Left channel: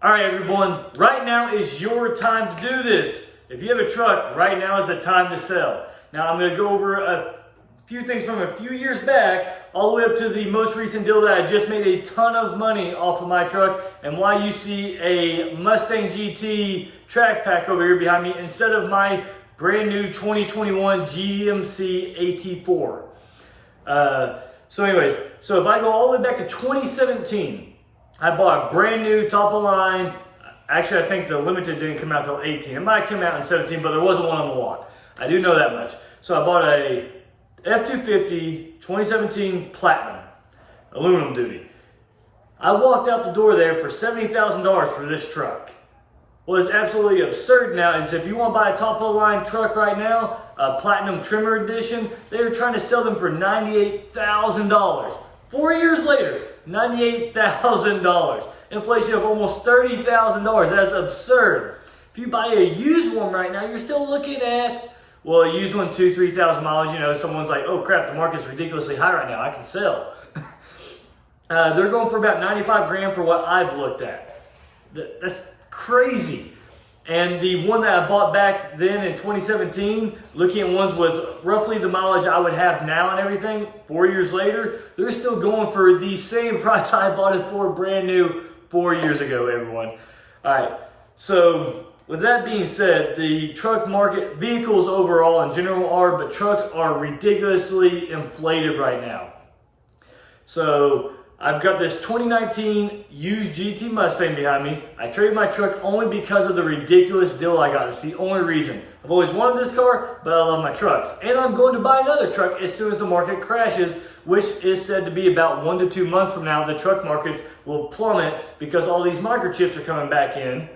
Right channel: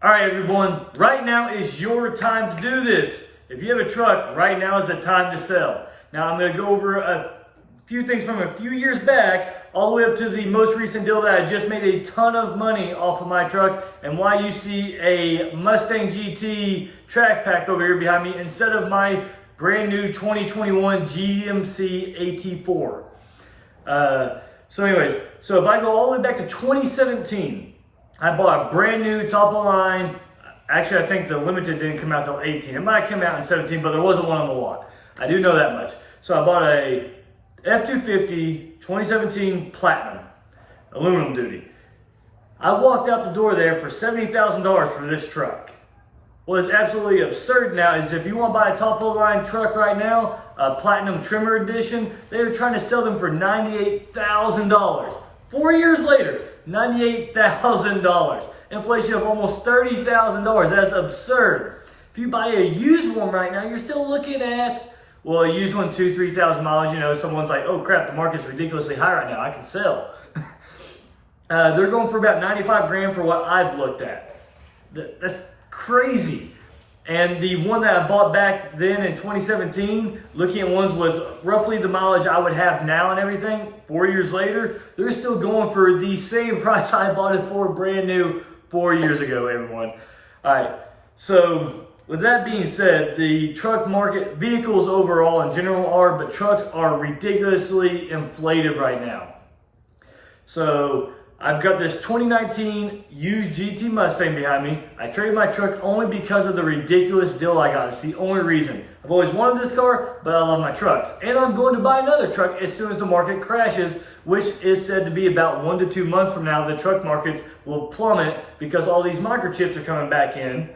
All right, everyone, right now is your time to do this. If you have a truck, right now is the time to sell. Now, I'm going to go over a few things from a few years back, all the way up to the most recent deal that I just made a ton of money off of my truck, and why you see a Mustang GT track pack over here behind me instead of my brand new 2021 GMC AT4. So if I go all the way back to 2017, I bought a brand new top of the line. Actually, I think the limited didn't come out till 18. It might have come out in 17, but there wasn't one on the lot. I do know that much. So I bought a F-250 2017 Platinum, aluminum duty. I walked out the door there for $70,000 for this truck. What is absolutely absurd now is if you want to buy a top of the line truck right now, a Platinum Trimmer Edition, they are trying to sell them for $98,000. 4 years later, $98,000. Inflation of almost $30,000. That's absurd. If you buy a used one right now, you're still looking at, well, a used one, 2,000, 3,000 miles. You know, someone's like, oh crap, the market's ridiculously high right now. I can sell. They're going for about 95 grand for what I've looked at. That's crazy. And the one that I bought back then in 2017, looking at ones with roughly the mileage I would have now and everything, 4 years later, they're still going for the same price I bought it for brand new 4 years ago, everyone. All right, so with that being said, the truck market, vehicles overall in general are, but trucks are ridiculously inflated right now. So I've got this 2019 used GT Mustang behind me. I traded my truck only because of the ridiculous deal I got. It's the only reason. I've always wanted this car, but I love my trucks. And I'm going to buy another truck as soon as the market crashes, which is said to be about 1 to 2 months from now. The truck markets will plummet because all these microchips are coming back in.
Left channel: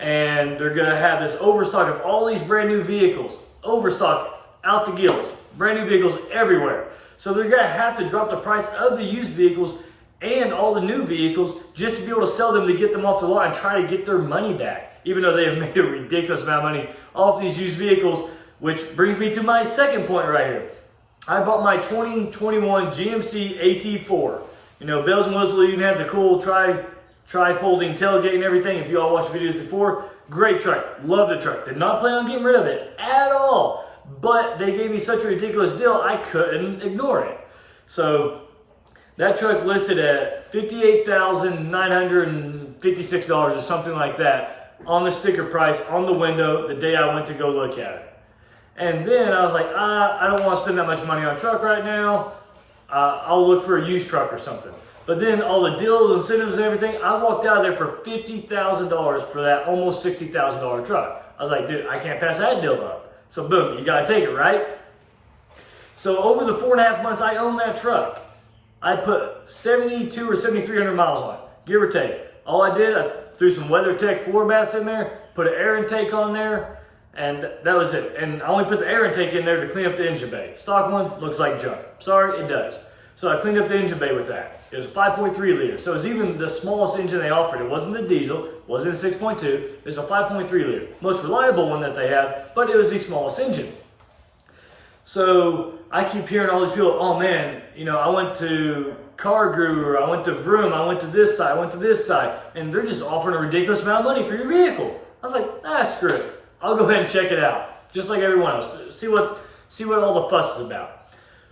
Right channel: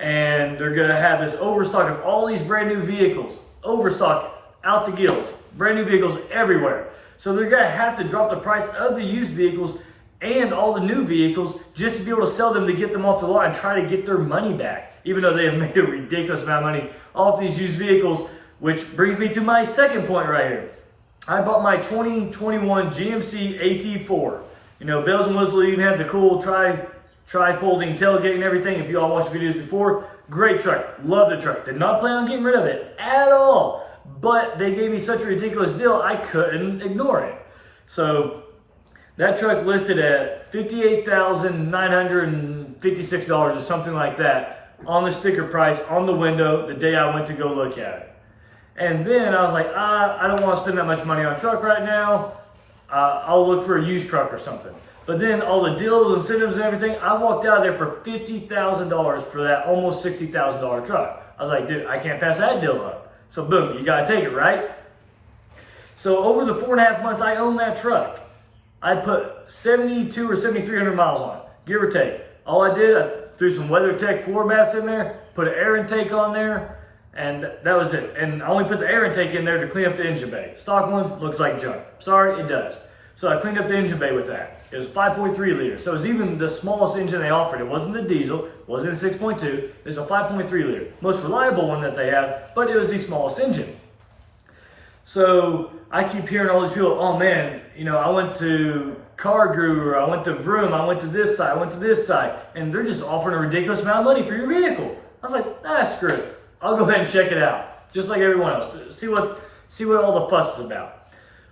And they're going to have this overstock of all these brand new vehicles. Overstock out the gills. Brand new vehicles everywhere. So they're going to have to drop the price of the used vehicles and all the new vehicles just to be able to sell them to get them off the lot and try to get their money back, even though they have made a ridiculous amount of money off these used vehicles, which brings me to my second point right here. I bought my 2021 GMC AT4. You know, bells and whistles, you even had the cool tri-folding tailgate and everything. If you all watched the videos before, great truck. Love the truck. Did not plan on getting rid of it at all, but they gave me such a ridiculous deal, I couldn't ignore it. So that truck listed at $58,956 or something like that on the sticker price on the window the day I went to go look at it. And then I was like, I don't want to spend that much money on a truck right now. I'll look for a used truck or something. But then all the deals, incentives, and everything, I walked out of there for $50,000 for that almost $60,000 truck. I was like, dude, I can't pass that deal up. So boom, you gotta take it, right? So over the 4.5 months I owned that truck, I put 72 or 7,300 miles on it, give or take. All I did, I threw some WeatherTech floor mats in there, put an air intake on there, and that was it. And I only put the air intake in there to clean up the engine bay. Stock one looks like junk. Sorry, it does. So I cleaned up the engine bay with that. It was 5.3 liters. So it was even the smallest engine they offered. It wasn't the diesel, wasn't a 6.2. It was a 5.3 liter. Most reliable one that they have, but it was the smallest engine. So I keep hearing all these people, oh man, you know, I went to Car Guru, I went to Vroom, I went to this side, I went to this side, and they're just offering a ridiculous amount of money for your vehicle. I was like, screw it. I'll go ahead and check it out, just like everyone else. See what all the fuss is about.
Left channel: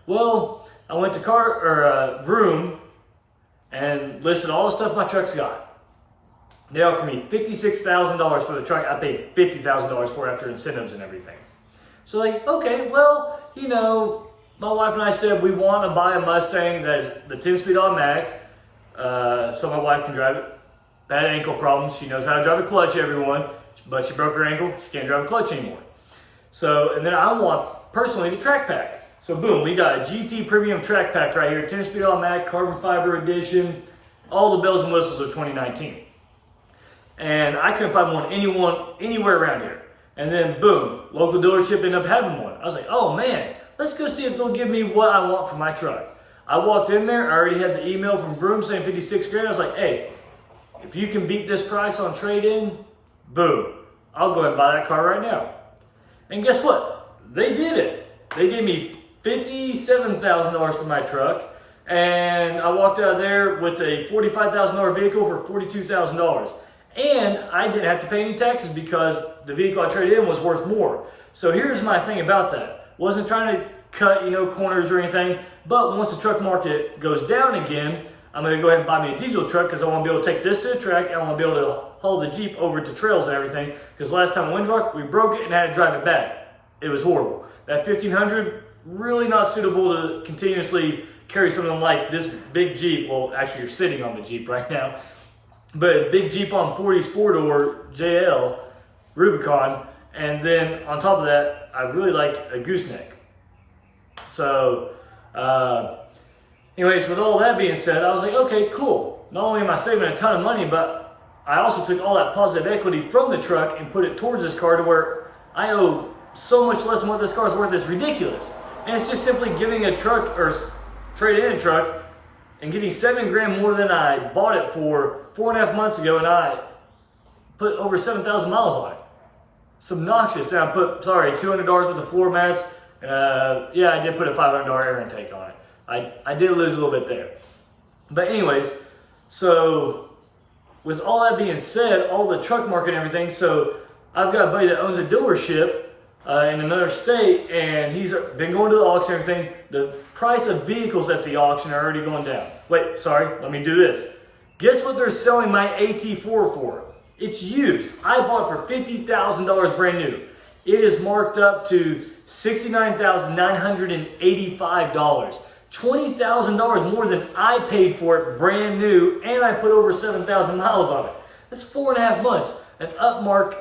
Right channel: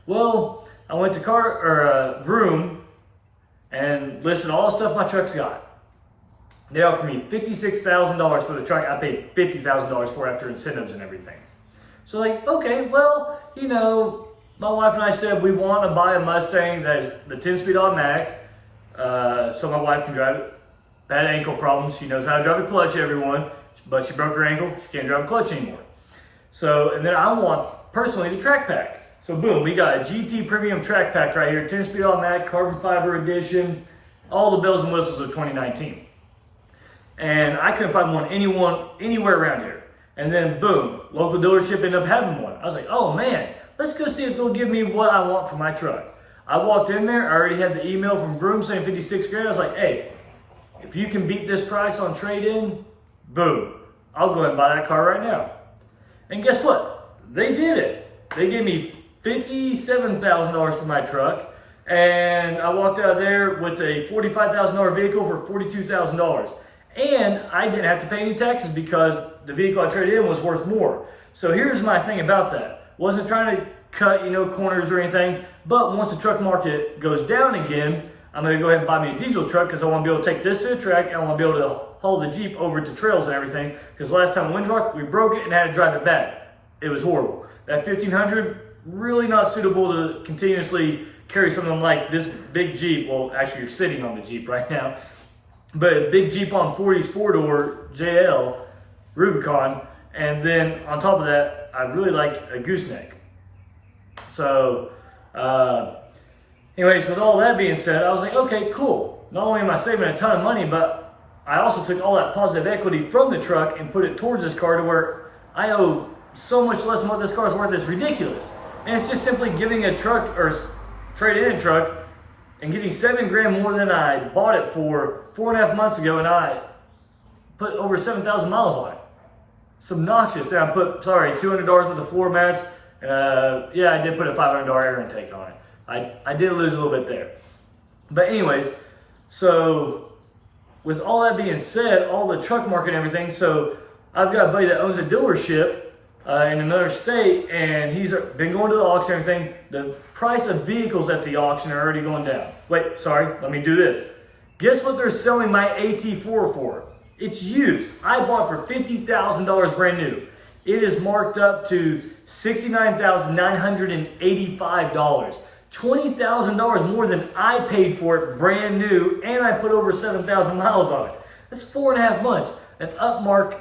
Well, I went to Vroom and listed all the stuff my truck's got. They offered me $56,000 for the truck. I paid $50,000 for it after incentives and everything. So like, okay, well, you know, my wife and I said we want to buy a Mustang that is the 10-speed automatic, so my wife can drive it. Bad ankle problems. She knows how to drive a clutch, everyone, but she broke her ankle. She can't drive a clutch anymore. So, and then I want personally the track pack. So boom, we got a GT Premium track pack right here, 10-speed automatic, carbon fiber edition, all the bells and whistles of 2019. And I couldn't find one anywhere around here. And then boom, local dealership ended up having one. I was like, oh man, let's go see if they'll give me what I want for my truck. I walked in there, I already had the email from Vroom saying 56 grand. I was like, hey, if you can beat this price on trade-in, boom, I'll go ahead and buy that car right now. And guess what? They did it. They gave me $57,000 for my truck, and I walked out of there with a $45,000 vehicle for $42,000. And I didn't have to pay any taxes because the vehicle I traded in was worth more. So here's my thing about that. Wasn't trying to cut, corners or anything, but once the truck market goes down again, I'm gonna go ahead and buy me a diesel truck because I want to be able to take this to the track and I want to be able to haul the Jeep over to trails and everything. Because last time Windrock, we broke it and had to drive it back. It was horrible. That 1500, really not suitable to continuously carry something like this big Jeep. Well, actually you're sitting on the Jeep right now, but a big Jeep on 40s 4-door JL Rubicon, and then on top of that, I really like a gooseneck. So, anyways, with all that being said, I was like, okay, cool. Not only am I saving a ton of money, but I also took all that positive equity from the truck and put it towards this car to where I owe so much less than what this car is worth. It's ridiculous. And it's just simply giving a truck or trading in a truck and getting $7,000 more than I bought it for 4.5 months ago, and I put over 7,000 miles on it. It's obnoxious. And I put, $200 worth of floor mats. Yeah, I did put a $500 air intake on it. I did lose a little bit there. But anyways, so with all that being said, all the truck market and everything, so I've got a buddy that owns a dealership in another state, and he's been going to the auction and everything. The price of vehicles at the auction are already going down. Wait, let me do this. Guess what they're selling my AT4 for? It's used. I bought for $50,000 brand new. It is marked up to $69,985. $20,000 more than I paid for it brand new, and I put over 7,000 miles on it. That's 4.5 months. An upmark,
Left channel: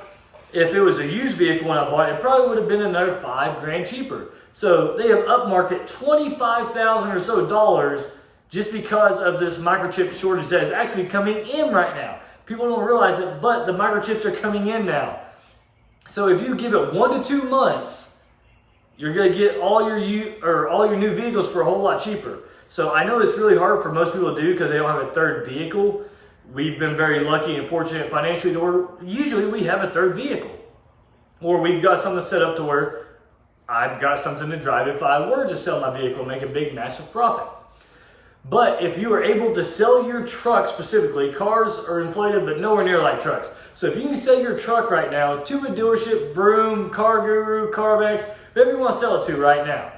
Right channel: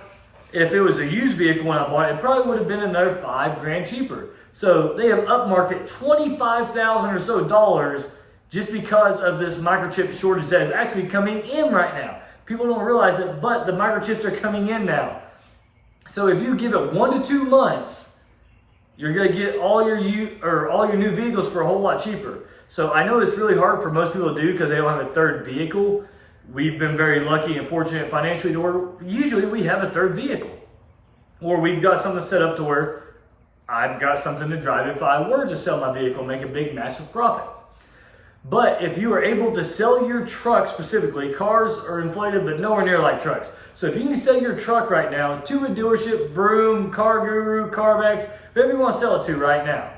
if it was a used vehicle when I bought it, it probably would have been another $5,000 cheaper. So they have upmarked it $25,000 or so dollars just because of this microchip shortage that is actually coming in right now. People don't realize it, but the microchips are coming in now. So if you give it 1 to 2 months, you're gonna get all your new vehicles for a whole lot cheaper. So I know it's really hard for most people to do because they don't have a third vehicle. We've been very lucky and fortunate financially to where usually we have a third vehicle, or we've got something set up to where I've got something to drive if I were to sell my vehicle and make a big, massive profit. But if you are able to sell your truck specifically, cars are inflated, but nowhere near like trucks. So if you can sell your truck right now to a dealership, Vroom, Car Guru, CarMax, whoever you want to sell it to right now,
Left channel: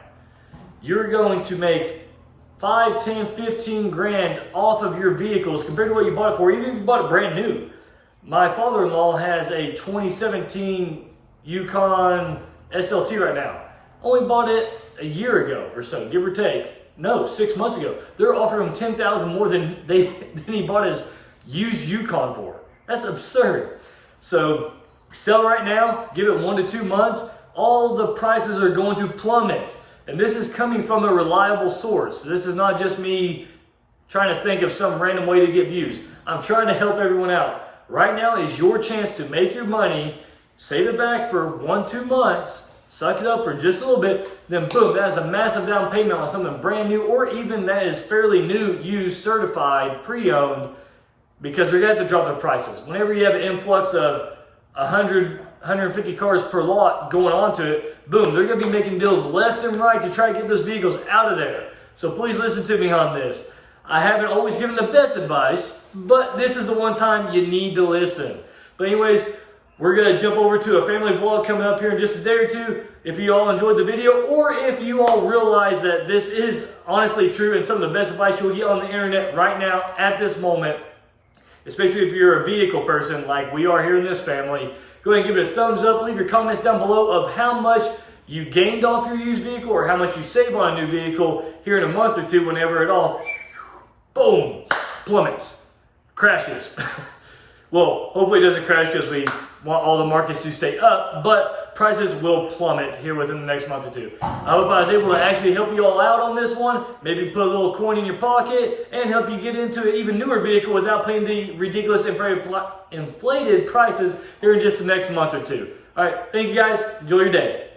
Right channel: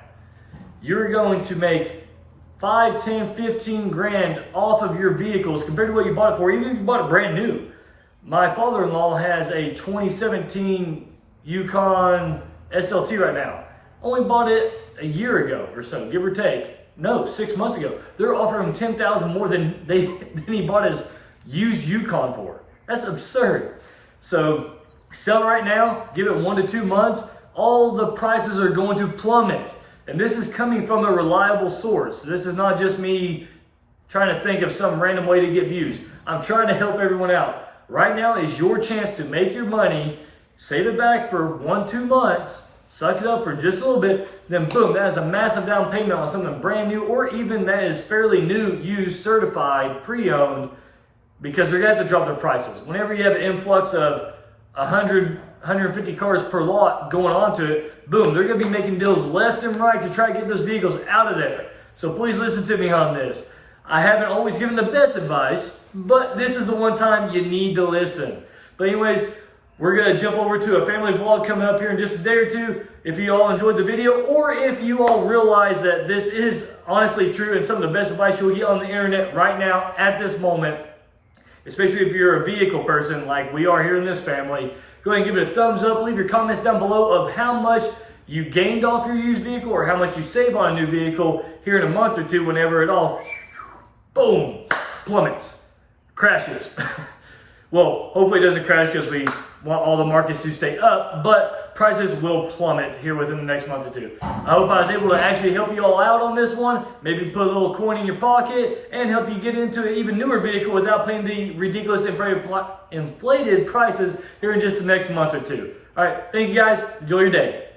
you're going to make 5, 10, 15 grand off of your vehicles compared to what you bought it for, even if you bought it brand new. My father-in-law has a 2017 Yukon SLT right now. Only bought it a year ago or so, give or take. No, 6 months ago. They're offering him $10,000 more than he bought his used Yukon for. That's absurd. So sell right now, give it 1 to 2 months, all the prices are going to plummet. And this is coming from a reliable source. This is not just me trying to think of some random way to get views. I'm trying to help everyone out. Right now is your chance to make your money, save it back for 1 to 2 months, suck it up for just a little bit, then boom, that is a massive down payment on something brand new, or even that is fairly new, used, certified, pre-owned, because they're going to have to drop their prices. Whenever you have an influx of 100, 150 cars per lot going onto it, boom, they're going to be making deals left and right to try to get those vehicles out of there. So please listen to me on this. I haven't always given the best advice, but this is the one time you need to listen. But anyways, we're going to jump over to a family vlog coming up here in just a day or two. If you all enjoyed the video, or if you all realize that this is honestly true and some of the best advice you'll get on the internet right now at this moment, especially if you're a vehicle person like we are here in this family, go ahead and give it a thumbs up. Leave your comments down below of how much you gained off your used vehicle or how much you save on a new vehicle here in a month or two whenever it all, boom, plummets, crashes. Well, hopefully it doesn't crash because we want all the markets to stay up, but prices will plummet here within the next month or two. I hope I was able to actually help you all out on this one, maybe put a little coin in your pocket and help you get into an even newer vehicle without paying the ridiculous inflated prices here in just the next month or two. All right, thank you guys. Enjoy your day.